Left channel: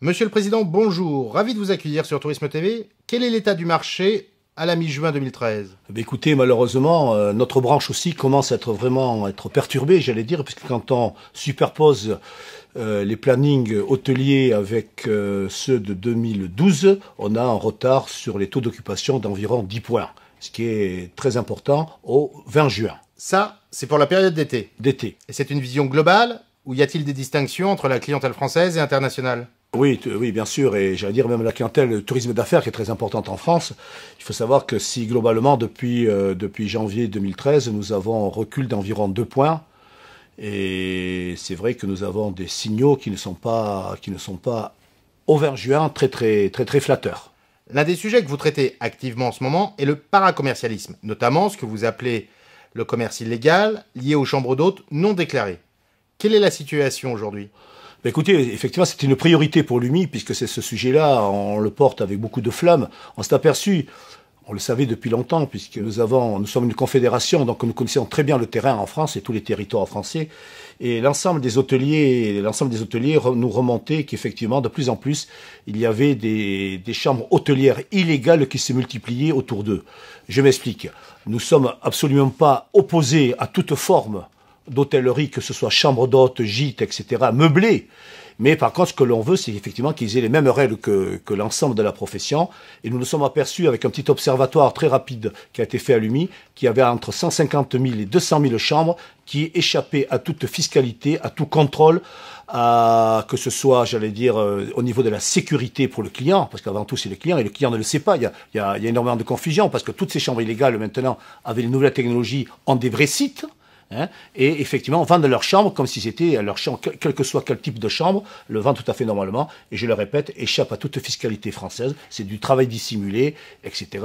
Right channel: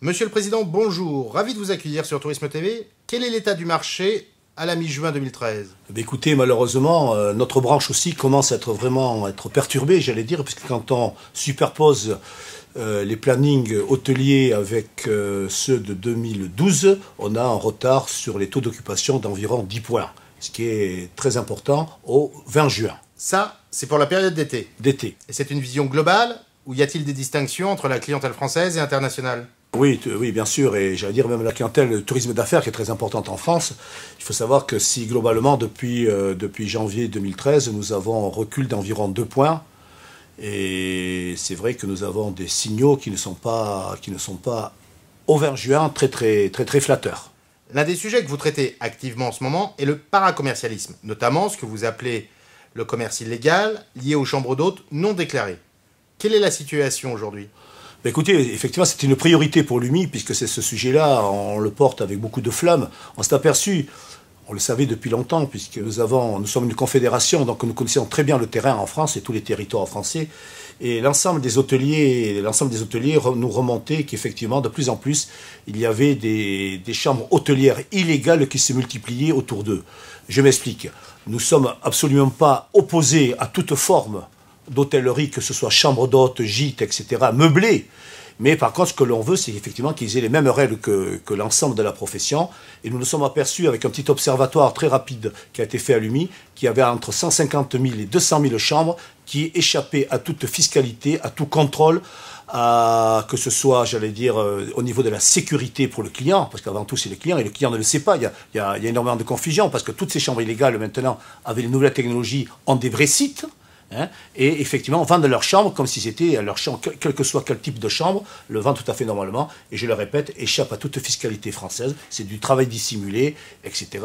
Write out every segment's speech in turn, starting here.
Monsieur le Président, bonjour. Ravi de vous accueillir sur Tourisme TV. Quel est l'état du marché à la mi-juin 2013? Écoutez, malheureusement, notre branche aussi commence à être perturbée, j'allais dire, puisque quand on superpose les plannings hôteliers avec ceux de 2012, on a un retard sur les taux d'occupation d'environ 10 points, ce qui est très important au 20 juin. Ça, c'est pour la période d'été. D'été. Et c'est une vision globale, ou y a-t-il des distinctions entre la clientèle française et internationale? Oui, bien sûr, et j'allais dire même la clientèle, le tourisme d'affaires qui est très importante en France. Il faut savoir que si globalement, depuis janvier 2013, nous avons un recul d'environ 2 points, et c'est vrai que nous avons des signaux qui ne sont pas au 20 juin très flatteurs. L'un des sujets que vous traitez activement en ce moment est le paracommercialisme, notamment ce que vous appelez le commerce illégal lié aux chambres d'hôtes non déclarées. Quelle est la situation aujourd'hui ? Écoutez, effectivement, c'est une priorité pour l'UMI, puisque c'est ce sujet-là, on le porte avec beaucoup de flamme. On s'est aperçu, on le savait depuis longtemps, puisque nous sommes une confédération, donc nous connaissons très bien le terrain en France et tous les territoires français. Et l'ensemble des hôteliers nous remontaient qu'effectivement, de plus en plus, il y avait des chambres hôtelières illégales qui se multipliaient autour d'eux. Je m'explique. Nous sommes absolument pas opposés à toute forme d'hôtellerie, que ce soit chambre d'hôtes, gîtes, etc., meublés. Mais par contre, ce que l'on veut, c'est effectivement qu'ils aient les mêmes règles que l'ensemble de la profession. Et nous nous sommes aperçus, avec un petit observatoire très rapide qui a été fait à l'UMI, qu'il y avait entre 150 000 et 200 000 chambres qui échappaient à toute fiscalité, à tout contrôle, que ce soit, j'allais dire, au niveau de la sécurité pour le client, parce qu'avant tout, c'est le client, et le client ne le sait pas. Il y a énormément de confusion, parce que toutes ces chambres illégales, maintenant, avec les nouvelles technologies, ont des vrais sites. Et effectivement, vendent leur chambre comme si c'était leur chambre, quel que soit quel type de chambre, le vendent tout à fait normalement, et je le répète, échappe à toute fiscalité française, c'est du travail dissimulé, etc.,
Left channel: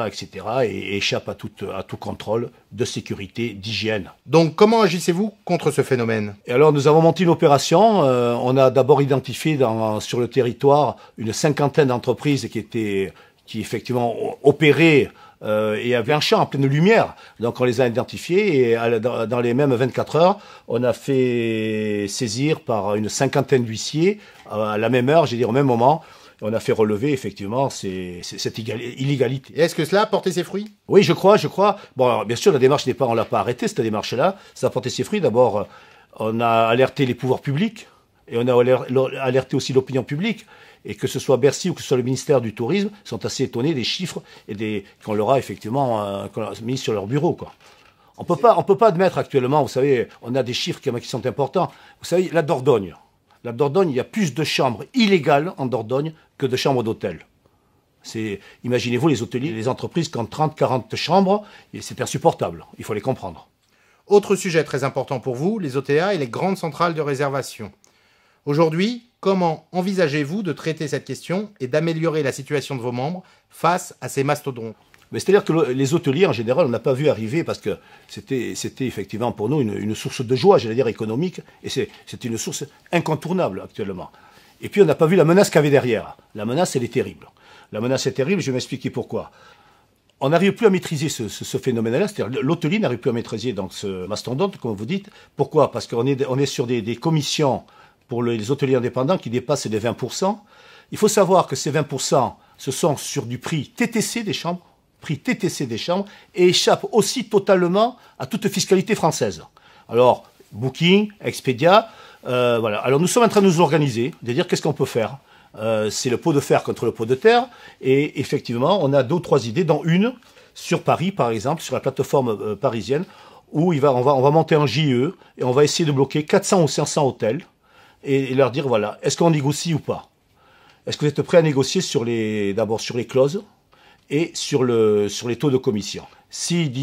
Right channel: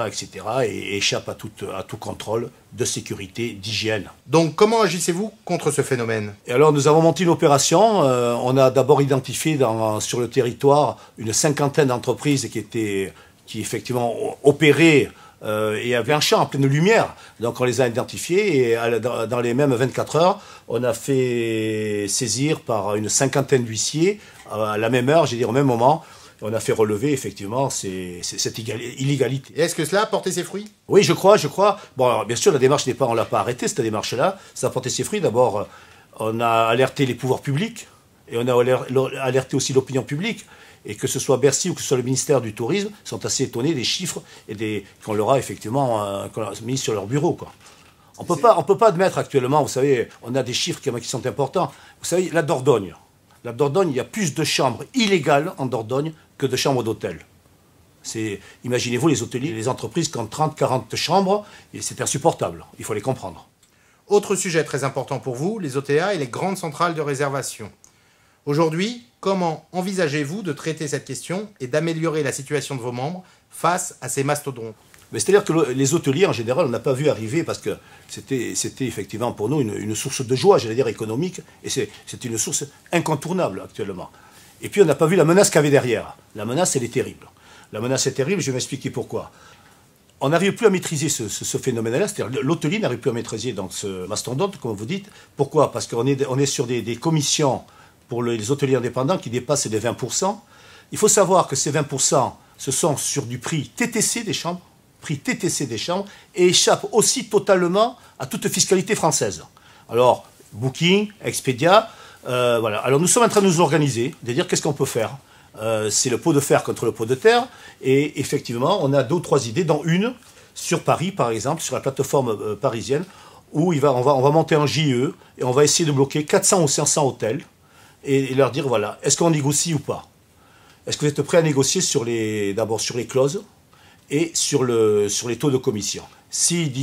et échappe à tout contrôle de sécurité, d'hygiène. Donc, comment agissez-vous contre ce phénomène? Et alors, nous avons monté une opération, on a d'abord identifié sur le territoire une cinquantaine d'entreprises qui effectivement opéraient et avait un champ en pleine lumière. Donc on les a identifiés et dans les mêmes 24 heures, on a fait saisir par une cinquantaine d'huissiers à la même heure, j'ai dit au même moment, on a fait relever effectivement cette illégalité. Et est-ce que cela a porté ses fruits? Oui, je crois. Bon, alors, bien sûr, la démarche on l'a pas arrêtée, cette démarche-là. Ça a porté ses fruits. D'abord, on a alerté les pouvoirs publics et on a alerté aussi l'opinion publique. Et que ce soit Bercy ou que ce soit le ministère du Tourisme, sont assez étonnés des chiffres et qu'on leur a effectivement mis sur leur bureau, quoi. On peut pas admettre actuellement, vous savez, on a des chiffres qui sont importants. Vous savez, la Dordogne, il y a plus de chambres illégales en Dordogne que de chambres d'hôtel. Imaginez-vous les hôteliers, les entreprises qui ont 30, 40 chambres, et c'est insupportable, il faut les comprendre. Autre sujet très important pour vous, les OTA et les grandes centrales de réservation. Aujourd'hui, comment envisagez-vous de traiter cette question et d'améliorer la situation de vos membres face à ces mastodontes? C'est-à-dire que les hôteliers, en général, on n'a pas vu arriver parce que c'était effectivement pour nous une source de joie, j'allais dire économique, et c'est une source incontournable actuellement. Et puis on n'a pas vu la menace qu'il y avait derrière. La menace, elle est terrible. La menace est terrible, je vais m'expliquer pourquoi. On n'arrive plus à maîtriser ce phénomène-là, c'est-à-dire l'hôtelier n'arrive plus à maîtriser donc, ce mastodonte, comme vous dites. Pourquoi? Parce qu'on est sur des commissions pour les hôteliers indépendants qui dépassent les 20%. Il faut savoir que ces 20%, ce sont sur du prix TTC des chambres, et échappent aussi totalement à toute fiscalité française. Alors, Booking, Expedia, voilà. Alors nous sommes en train de nous organiser, de dire qu'est-ce qu'on peut faire. C'est le pot de fer contre le pot de terre, et effectivement, on a 2 ou 3 idées, dont une sur Paris, par exemple, sur la plateforme parisienne, où on va monter un JE, et on va essayer de bloquer 400 ou 500 hôtels, et leur dire, voilà, est-ce qu'on négocie ou pas? Est-ce que vous êtes prêt à négocier d'abord sur les clauses et sur les taux de commission? S'ils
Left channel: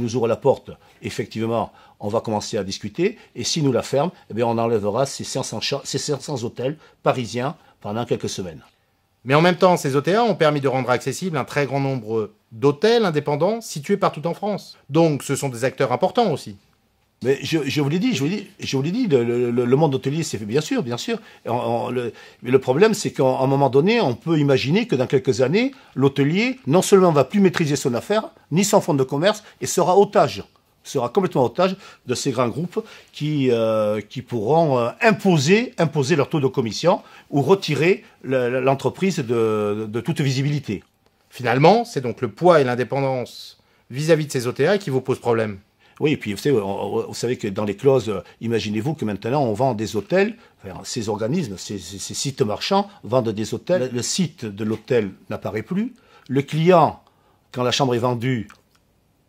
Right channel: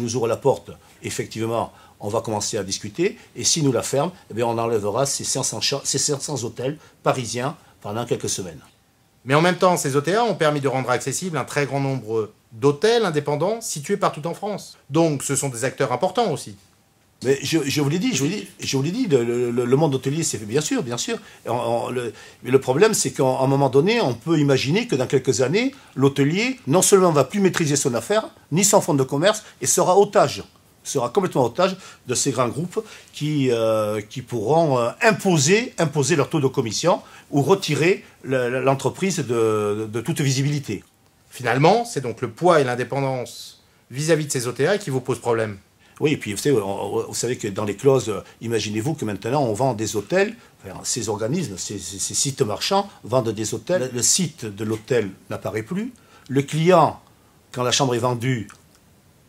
nous ouvrent la porte, effectivement, on va commencer à discuter, et s'ils nous la ferment, eh bien, on enlèvera ces 500 hôtels parisiens pendant quelques semaines. Mais en même temps, ces OTA ont permis de rendre accessible un très grand nombre d'hôtels indépendants situés partout en France. Donc, ce sont des acteurs importants aussi. Mais je vous l'ai dit, le monde hôtelier, c'est bien sûr. Mais le problème, c'est qu'à un moment donné, on peut imaginer que dans quelques années, l'hôtelier, non seulement ne va plus maîtriser son affaire, ni son fonds de commerce, et sera otage sera complètement otage de ces grands groupes qui pourront imposer leur taux de commission ou retirer l'entreprise de toute visibilité. Finalement, c'est donc le poids et l'indépendance vis-à-vis de ces OTA qui vous posent problème. Oui, et puis vous savez que dans les clauses, imaginez-vous que maintenant on vend des hôtels, enfin, ces organismes, ces sites marchands vendent des hôtels. Le site de l'hôtel n'apparaît plus. Le client, quand la chambre est vendue,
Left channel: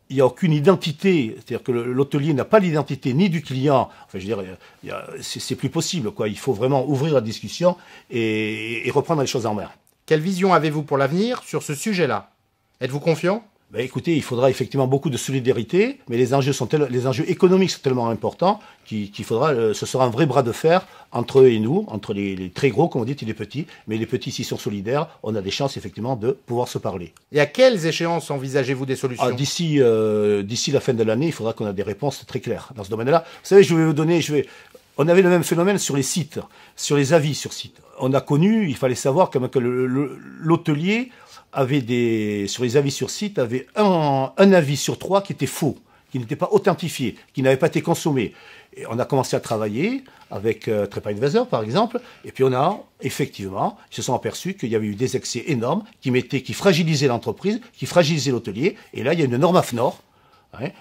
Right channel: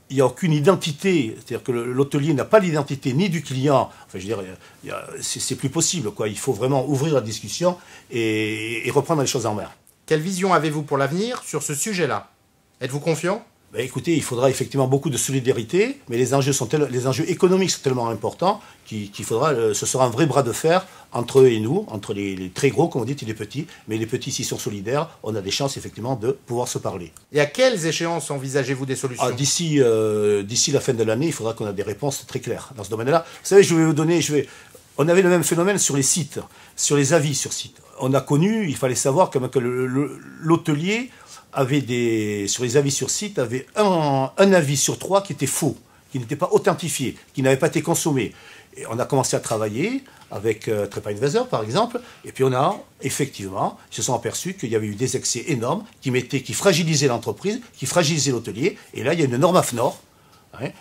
il n'y a aucune identité, c'est-à-dire que l'hôtelier n'a pas l'identité ni du client. Enfin, je veux dire, c'est plus possible, quoi. Il faut vraiment ouvrir la discussion et reprendre les choses en main. Quelle vision avez-vous pour l'avenir sur ce sujet-là? Êtes-vous confiant? Ben écoutez, il faudra effectivement beaucoup de solidarité, mais les enjeux économiques sont tellement importants ce sera un vrai bras de fer entre eux et nous, entre les très gros, comme on dit, et les petits. Mais les petits, s'ils sont solidaires, on a des chances effectivement de pouvoir se parler. Et à quelles échéances envisagez-vous des solutions? D'ici la fin de l'année, il faudra qu'on ait des réponses très claires dans ce domaine-là. Vous savez, on avait le même phénomène sur les sites, sur les avis sur site. On a connu, il fallait savoir quand même que l'hôtelier sur les avis sur site, avait un avis sur 3 qui était faux, qui n'était pas authentifié, qui n'avait pas été consommé. Et on a commencé à travailler avec TripAdvisor, par exemple, et puis effectivement, ils se sont aperçus qu'il y avait eu des excès énormes qui fragilisaient l'entreprise, qui fragilisaient l'hôtelier, et là, il y a une norme AFNOR.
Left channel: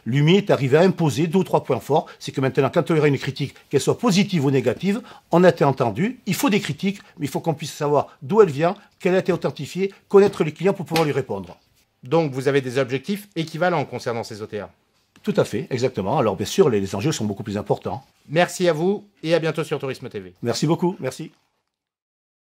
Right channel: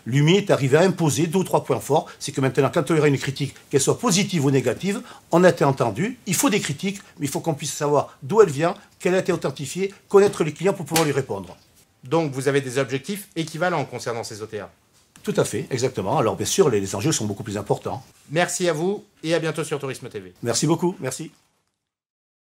L'UMI est arrivé à imposer 2 ou 3 points forts. C'est que maintenant, quand il y aura une critique, qu'elle soit positive ou négative, on a été entendu. Il faut des critiques, mais il faut qu'on puisse savoir d'où elle vient, qu'elle a été authentifiée, connaître les clients pour pouvoir lui répondre. Donc vous avez des objectifs équivalents concernant ces OTA? Tout à fait, exactement. Alors bien sûr, les enjeux sont beaucoup plus importants. Merci à vous et à bientôt sur Tourisme TV. Merci beaucoup, merci.